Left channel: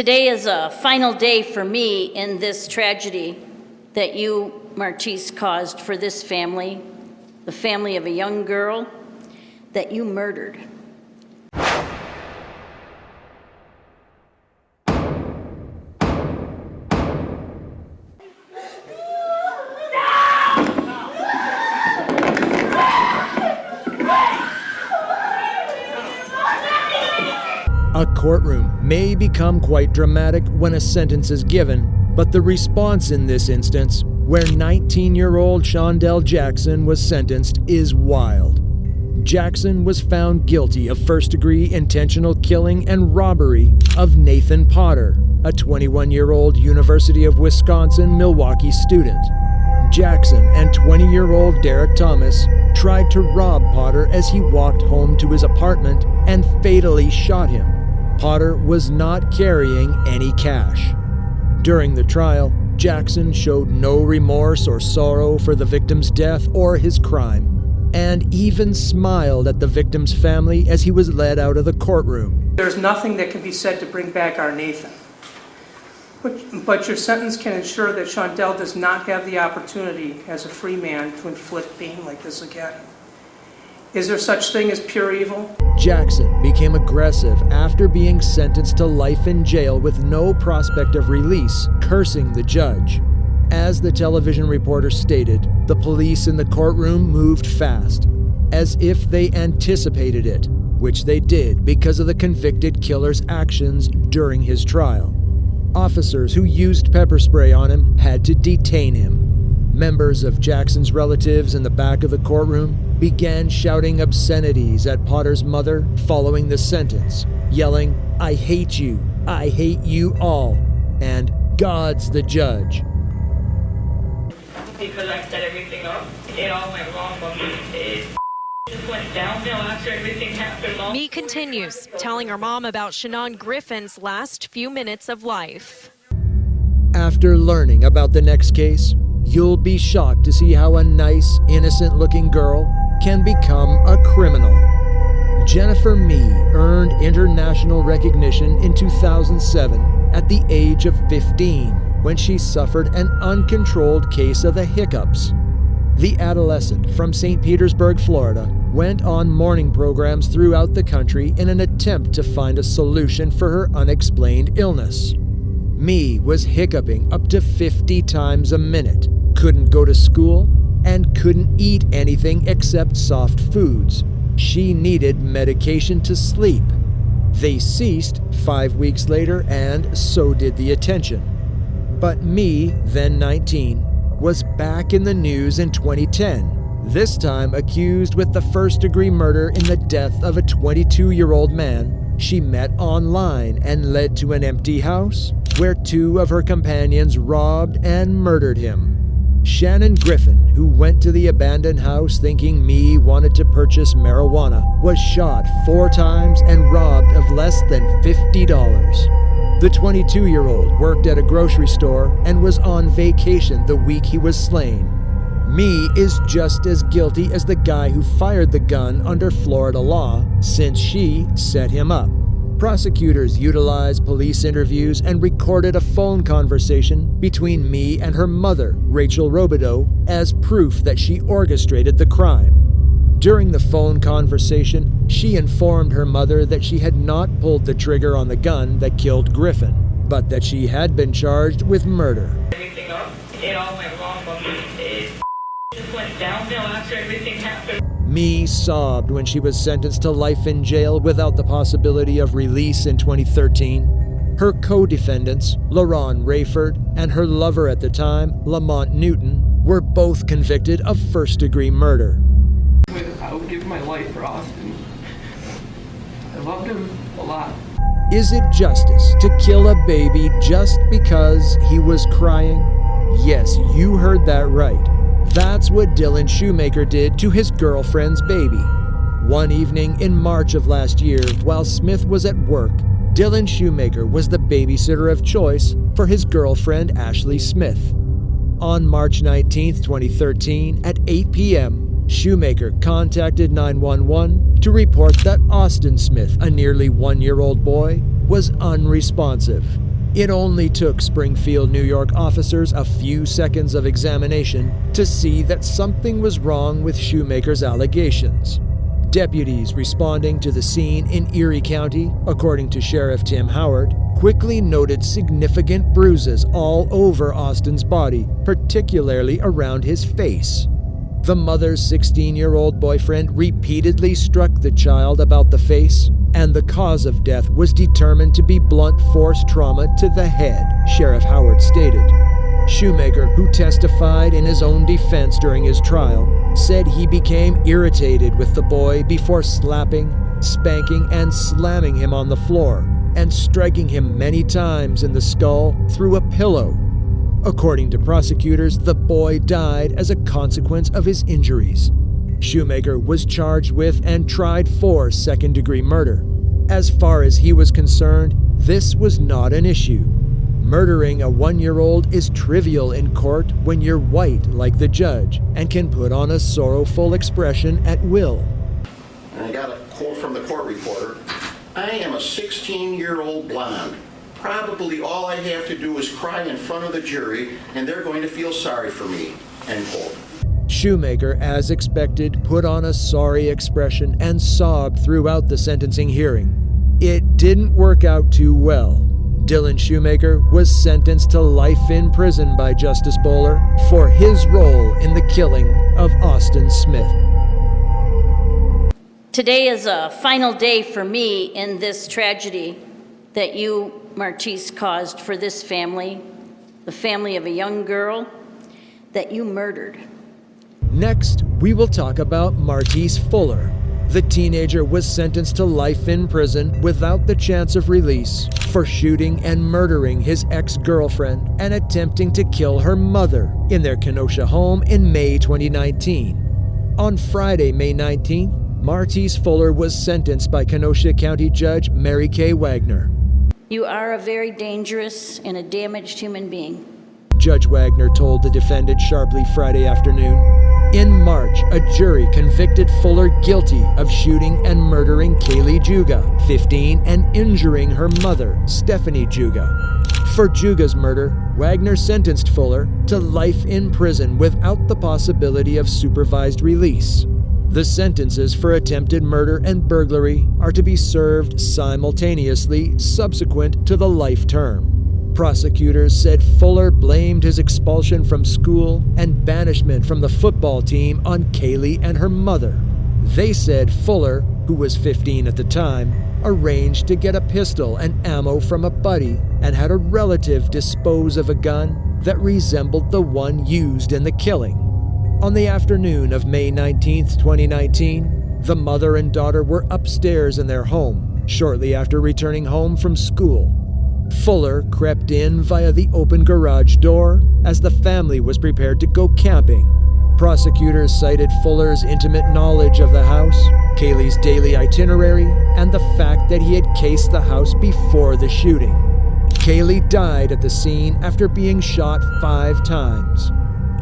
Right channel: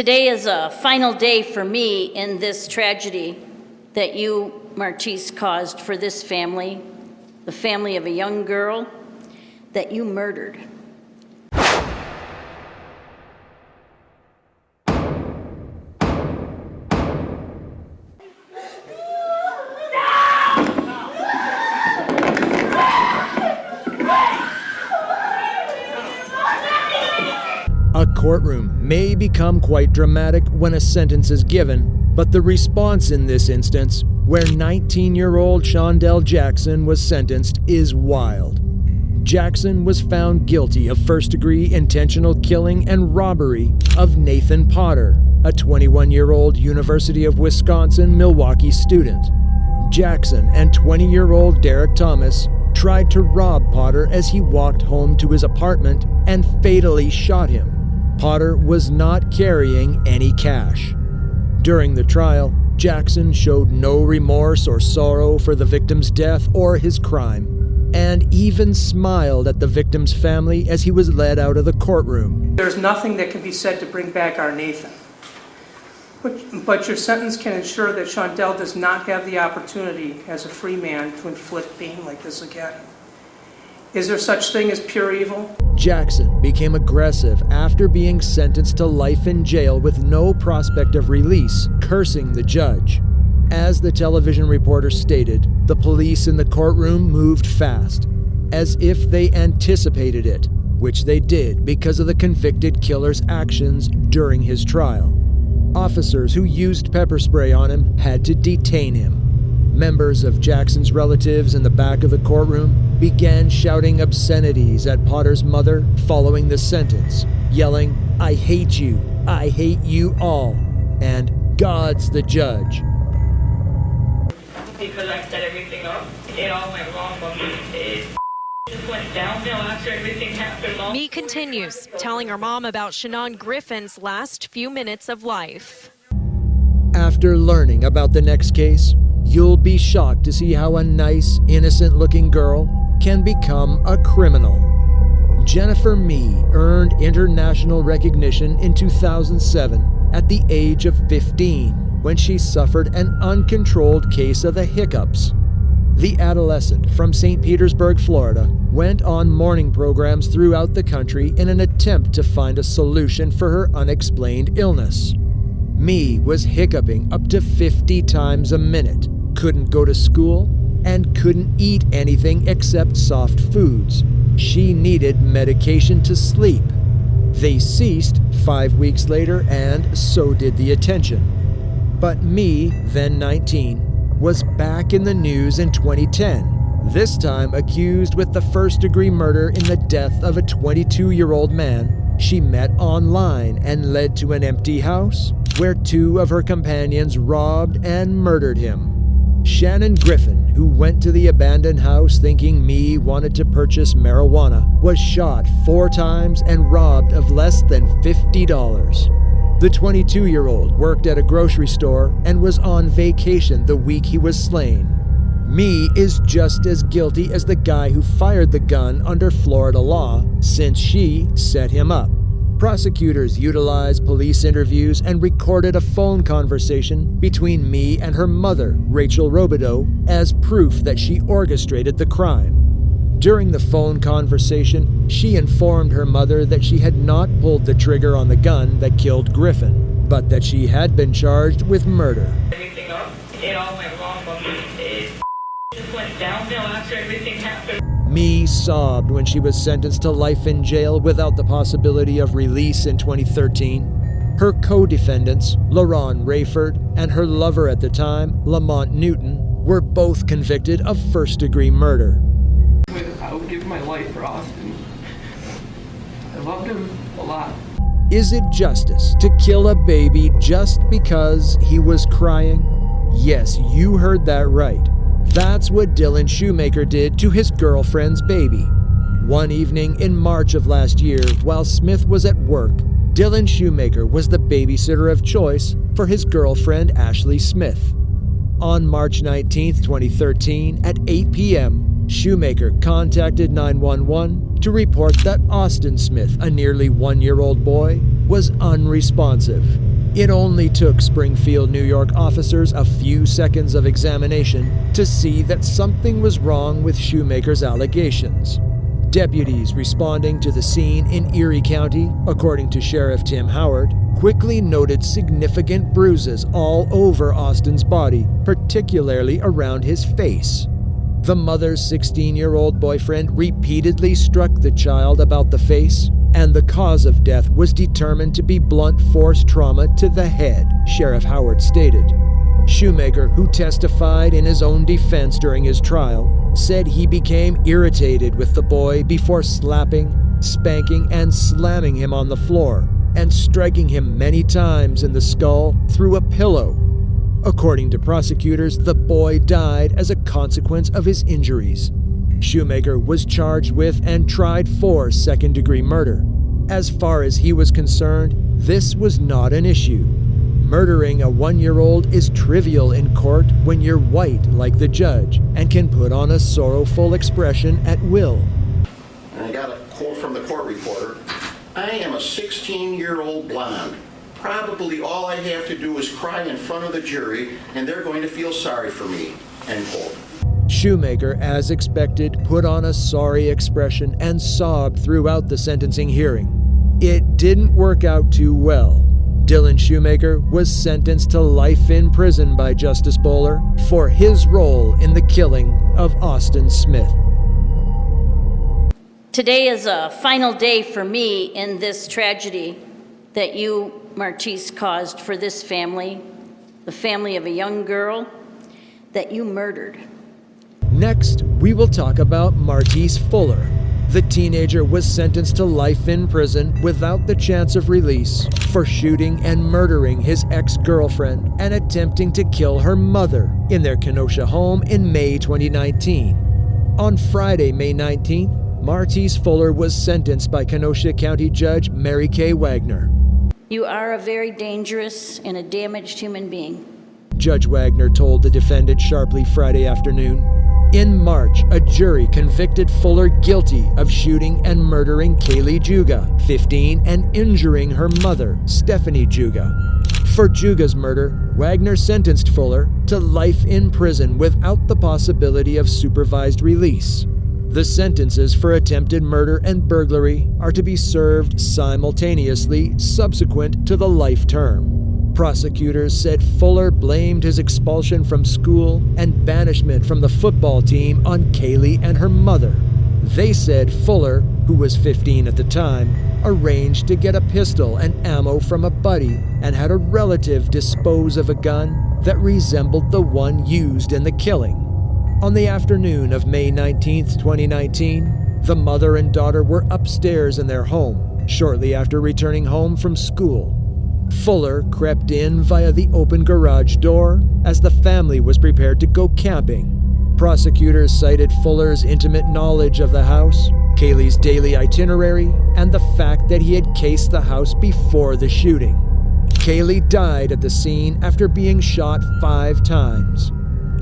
Today is a final day for me in this tragedy that you, Martice, caused for this family, the family of a young girl that you murdered. A courtroom may become quite dramatic when a sentence is given, but the response in this instance, where 19-year-old Seandell Jackson was sentenced, is wild. Jackson was found guilty of first-degree intentional killing and robbery of Nathan Potter, a 21-year-old University of Wisconsin-Milwaukee student. Jackson and 20-year-old Derek Thomas tried to rob Potter as he walked home to his apartment and fatally shot him. Potter was not carrying any cash. During the trial, Jackson showed no remorse or sorrow for the victim's death or his crime, and even smiled at the victim's family as he was led out of the courtroom. There's nothing that can be said to bring back our Nathan. But your sentence can ensure that Seandell does not have the opportunity as a free man to inflict pain like this again. Is there such thing as pure evil? Jackson became aggressive after being sentenced to life in jail with no prospect of release, cursing the judge. As the television reporter stated, the police in the courtroom moved fast, as if they anticipated it, which they did because of the convicted killer's actions during his trial. Officers who used pepper spray on him had to detain him. Members of Jackson's relatives in the back of the courtroom began shouting obscenities at Potter's mother following the sentence, yelling, "I hate you all," and "God's the judge." Because I set everything up, it all went wrong, but it just went downhill after everything happened. Me continues, telling her mom about Shannon Griffin's last few minutes of life. After learning about the next case, you'll be shocked to see how a nice, innocent-looking girl can become a criminal. Jennifer Mee earned international recognition in 2007 at the age of 15 when she suffered an uncontrolled case of the hiccups. The adolescent from St. Petersburg, Florida, went on morning programs throughout the country in an attempt to find a solution for her unexplained illness. Mee was hiccuping up to 50 times a minute, couldn't go to school, and couldn't eat anything except soft foods. She needed medication to sleep. They ceased 5 weeks later, and so did the attention. But Mee, then 19, was back in the news in 2010, this time accused with the first-degree murder in the death of a 22-year-old man she met online and led to an empty house where 2 of her companions robbed and murdered him. Shannon Griffin, who went to the abandoned house thinking Mee wanted to purchase marijuana, was shot 4 times and robbed of less than $50. The 22-year-old worked at a grocery store and was on vacation the week he was slain. Mee is just as guilty as the guy who fired the gun under Florida law, since she set him up. Prosecutors utilized police interviews and recorded a phone conversation between Mee and her mother, Rachel Robideau, as proof that she orchestrated the crime. During the phone conversation, she informed her mother that she had not pulled the trigger on the gun that killed Griffin, but that she had been charged with murder. Everything up, it all went wrong, but it just went downhill after everything happened. Mee sobbed when she was sentenced to life in jail without the possibility of release in 2013. Her co-defendants, LaRon Rayford, and her lover at the time, Lamont Newton, were both convicted of first-degree murder. I would give my life for Austin. I loved him a lot. Is it justice to kill a baby just because he was crying? Yes, you heard that right. That's what Dylan Schumaker did to his girlfriend's baby. One evening in March of last year, while Smith was at work, Dylan Schumaker was the babysitter of choice for his girlfriend Ashley Smith. On March 19, 2013, at 8 p.m., Schumaker contacted 911 to report that Austin Smith, a nearly 1-year-old boy, was unresponsive. It only took Springfield, New York officers a few seconds of examination to see that something was wrong with Schumaker's allegations. Deputies responding to the scene in Erie County, according to Sheriff Tim Howard, quickly noted significant bruises all over Austin's body, particularly around his face. The mother's 16-year-old boyfriend repeatedly struck the child about the face, and the cause of death was determined to be blunt force trauma to the head, Sheriff Howard stated. Schumaker, who testified in his own defense during his trial, said he became irritated with the boy before slapping, spanking, and slamming him on the floor, and striking him many times in the skull through a pillow. According to prosecutors, the boy died as a consequence of his injuries. Schumaker was charged with and tried for second-degree murder. As far as he was concerned, this was not an issue. Murdering a 1-year-old is trivial in court when you're white like the judge and can put on a sorrowful expression at will. And I got a quote from the court reporter. I am a 16-year-old blonde. Probably all I have to do is cry in front of the jury and they're going to feel sorry for me, end quote. Schumaker, as expected, put on a sorry expression and sobbed throughout the sentencing hearing. It didn't work out too well. Dylan Schumaker was sentenced to life in prison by Justice Bowler for his role in the killing of Austin Smith. Today is a final day for me in this tragedy that you, Martice, caused for this family, the family of a young girl that you murdered. Next, we will talk about Martice Fuller. The teenager was sentenced to life in prison without the chance of release for shooting and murdering his ex-girlfriend and attempting to kill her mother in their Kenosha home in May 2019. On Friday, May 19th, Martice Fuller was sentenced by Kenosha County Judge Mary Kay Wagner. You are a very dangerous and a damaged human being. Judge Wagner told the defendant sharply Friday afternoon. In March, a jury convicted Fuller guilty of shooting and murdering Kaylee Juga, 15, and injuring her mother, Stephanie Juga. For Juga's murder, Wagner sentenced Fuller to life in prison without the possibility of supervised release. The sentences for attempted murder and burglary are to be served simultaneously subsequent to the life term. Prosecutors said Fuller blamed his expulsion from school and banishment from the football team on Kaylee and her mother. They said Fuller, who was 15 at the time, arranged to get a pistol and ammo from a buddy and had a relative dispose of a gun that resembled the one used in the killing. On the afternoon of May 19, 2019, the mother and daughter were upstairs in their home shortly after returning home from school. Fuller crept in via the open garage door as the family was prepared to go camping. Prosecutors cited Fuller's intimate knowledge of the house, Kaylee's daily itinerary, and the fact that he had cased the house before the shooting. Kaylee died at the scene after being shot 5 times.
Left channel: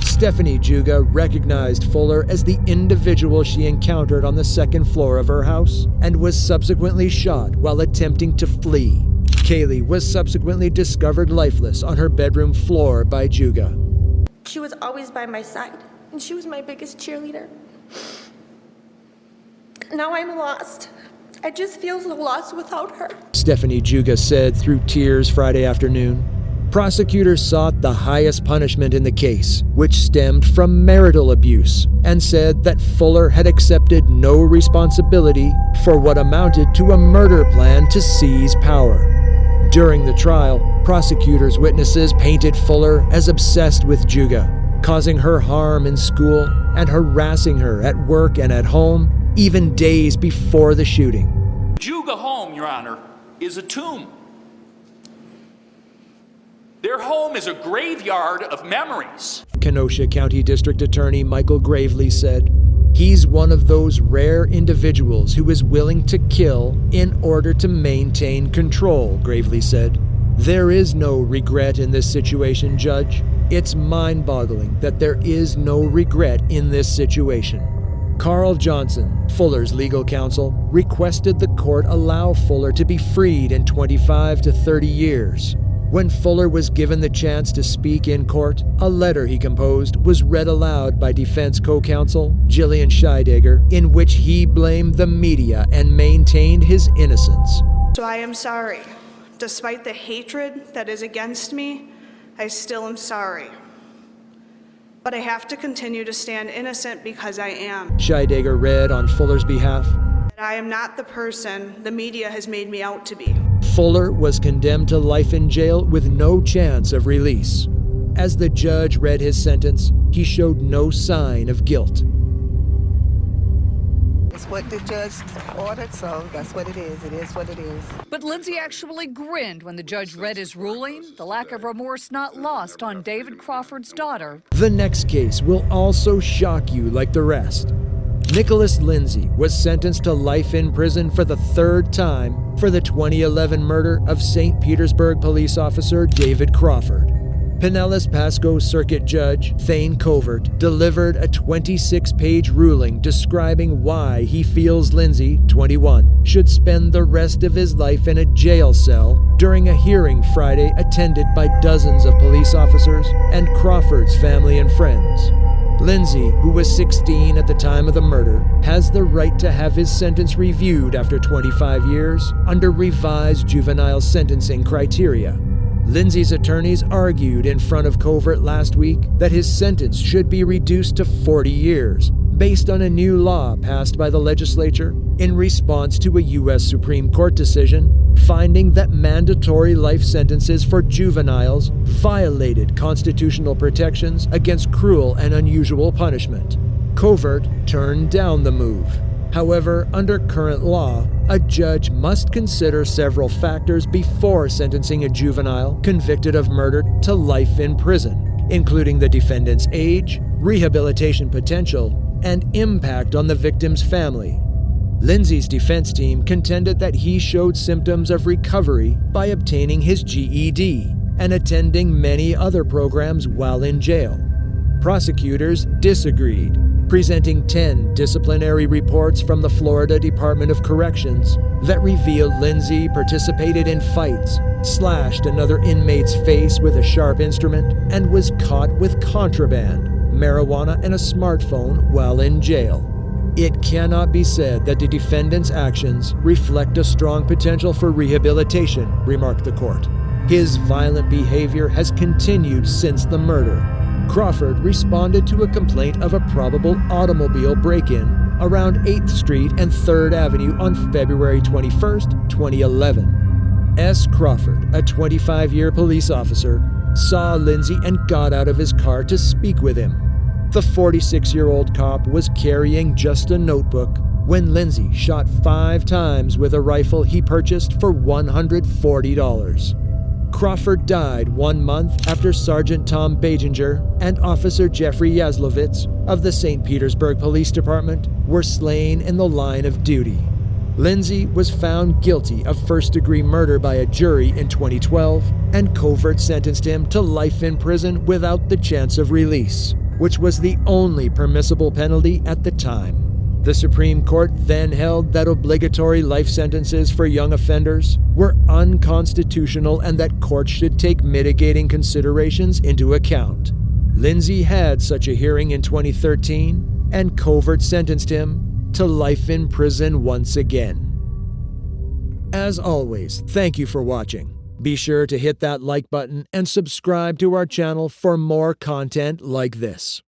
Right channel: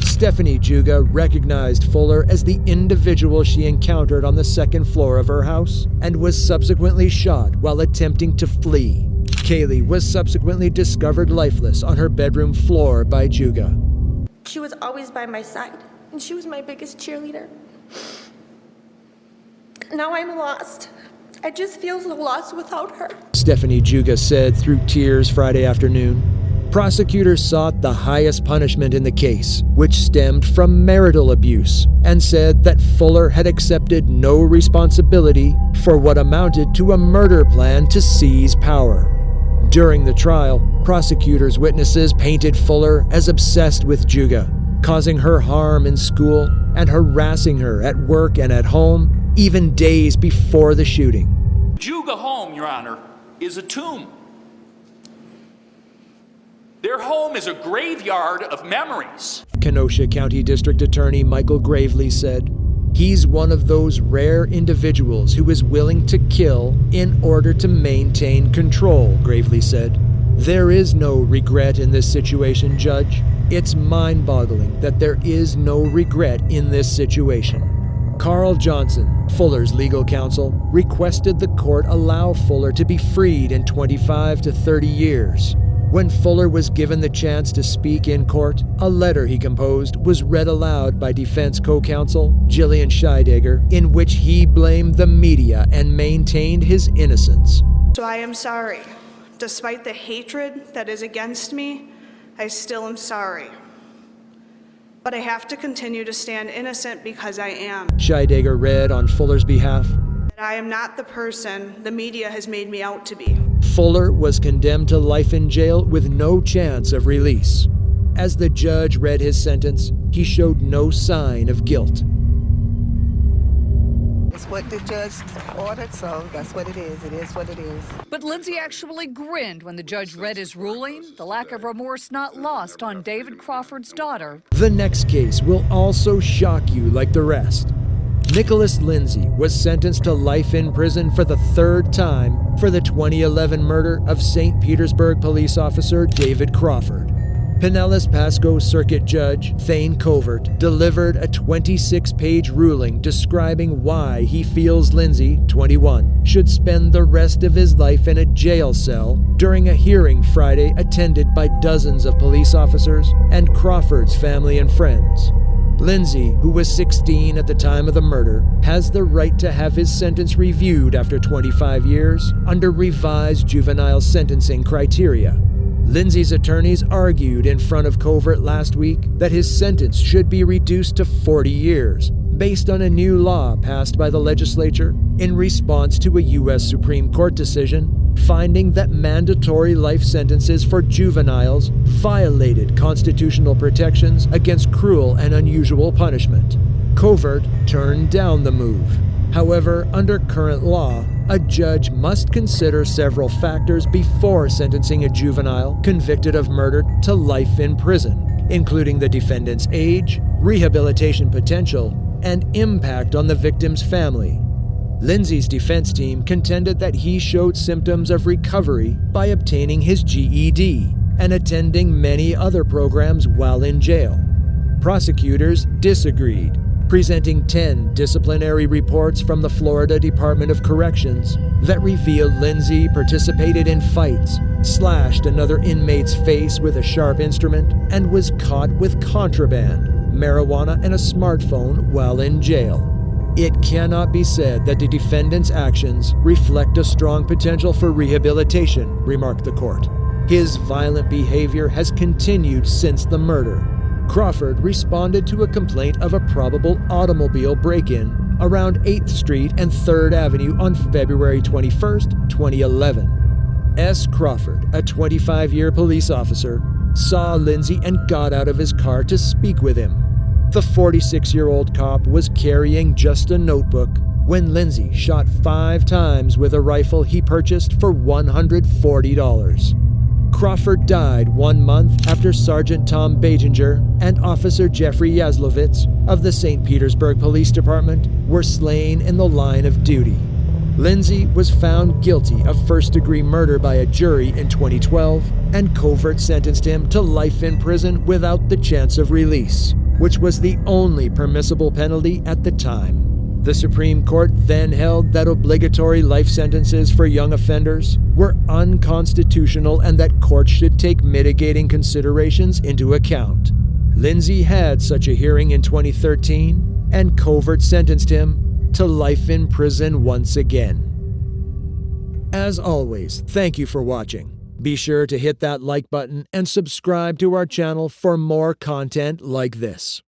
Stephanie Juga recognized Fuller as the individual she encountered on the second floor of her house and was subsequently shot while attempting to flee. Kaylee was subsequently discovered lifeless on her bedroom floor by Juga. She was always by my side, and she was my biggest cheerleader. Now I'm lost. I just feel so lost without her. Stephanie Juga said through tears Friday afternoon. Prosecutors sought the highest punishment in the case, which stemmed from marital abuse, and said that Fuller had accepted no responsibility for what amounted to a murder plan to seize power. During the trial, prosecutors' witnesses painted Fuller as obsessed with Juga, causing her harm in school and harassing her at work and at home, even days before the shooting. Juga home, Your Honor, is a tomb. Their home is a graveyard of memories. Kenosha County District Attorney Michael Gravely said, "He's one of those rare individuals who is willing to kill in order to maintain control," Gravely said. "There is no regret in this situation, Judge. It's mind-boggling that there is no regret in this situation." Carl Johnson, Fuller's legal counsel, requested the court allow Fuller to be freed in 25 to 30 years. When Fuller was given the chance to speak in court, a letter he composed was read aloud by defense co-counsel Jillian Scheidegger, in which he blamed the media and maintained his innocence. So I am sorry. Despite the hatred that is against me, I still am sorry. But I have to continue to stand innocent because I am. Scheidegger read on Fuller's behalf. I am not the person the media has made me out to be. Fuller was condemned to life in jail with no chance of release. As the judge read his sentence, he showed no sign of guilt. It's what the judge ordered, so that's what it is. It is what it is. But Lyndsey actually grinned when the judge read his ruling, the lack of remorse not lost on David Crawford's daughter. The next case will also shock you like the rest. Nicholas Lyndsey was sentenced to life in prison for the third time for the 2011 murder of St. Petersburg police officer David Crawford. Pinellas Pasco Circuit Judge Thane Covert delivered a 26-page ruling describing why he feels Lyndsey, 21, should spend the rest of his life in a jail cell during a hearing Friday attended by dozens of police officers and Crawford's family and friends. Lyndsey, who was 16 at the time of the murder, has the right to have his sentence reviewed after 25 years under revised juvenile sentencing criteria. Lyndsey's attorneys argued in front of Covert last week that his sentence should be reduced to 40 years, based on a new law passed by the legislature in response to a U.S. Supreme Court decision finding that mandatory life sentences for juveniles violated constitutional protections against cruel and unusual punishment. Covert turned down the move. However, under current law, a judge must consider several factors before sentencing a juvenile convicted of murder to life in prison, including the defendant's age, rehabilitation potential, and impact on the victim's family. Lyndsey's defense team contended that he showed symptoms of recovery by obtaining his GED and attending many other programs while in jail. Prosecutors disagreed, presenting 10 disciplinary reports from the Florida Department of Corrections that revealed Lyndsey participated in fights, slashed another inmate's face with a sharp instrument, and was caught with contraband, marijuana, and a smartphone while in jail. It cannot be said that the defendant's actions reflect a strong potential for rehabilitation, remarked the court. His violent behavior has continued since the murder. Crawford responded to a complaint of a probable automobile break-in around 8th Street and 3rd Avenue on February 21, 2011. S. Crawford, a 25-year police officer, saw Lyndsey and got out of his car to speak with him. The 46-year-old cop was carrying just a notebook when Lyndsey shot 5 times with a rifle he purchased for $140. Crawford died 1 month after Sergeant Tom Batinger and Officer Jeffrey Yazlovitz of the St. Petersburg Police Department were slain in the line of duty. Lyndsey was found guilty of first-degree murder by a jury in 2012, and Covert sentenced him to life in prison without the chance of release, which was the only permissible penalty at the time. The Supreme Court then held that obligatory life sentences for young offenders were unconstitutional and that courts should take mitigating considerations into account. Lyndsey had such a hearing in 2013, and Covert sentenced him to life in prison once again. As always, thank you for watching. Be sure to hit that like button and subscribe to our channel for more content like this.